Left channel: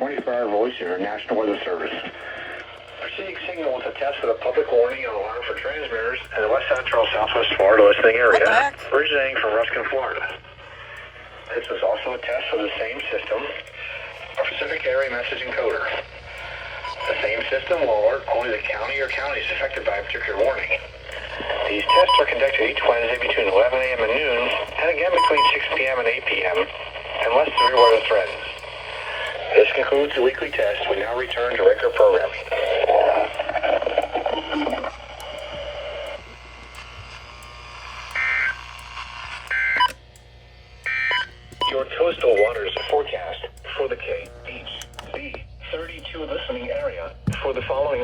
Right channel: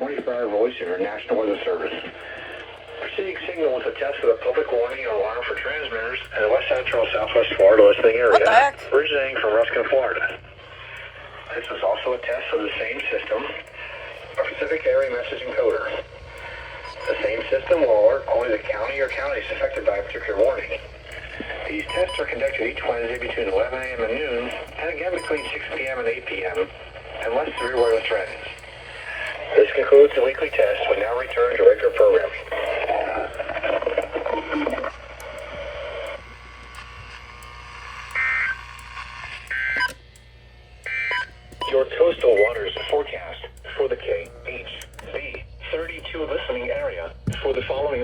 24-hour voice in our National Weather Service. Receiving signal is a test for the public warning and alarm for transmitters in the west central southwest Florida listening area, originating from Ruskin, Florida. This was also a test for the same system, a Pacific Area Message Encoder. The same system will alert only the county or counties affected by a particular warning. These tests are conducted each Wednesday between 11 a.m. and noon, and again between 6 p.m. and 8 p.m., unless severe weather threatens. This concludes the weekly test. We now return to regular programming. Your coastal waters forecast for the KHB32 listening area for the following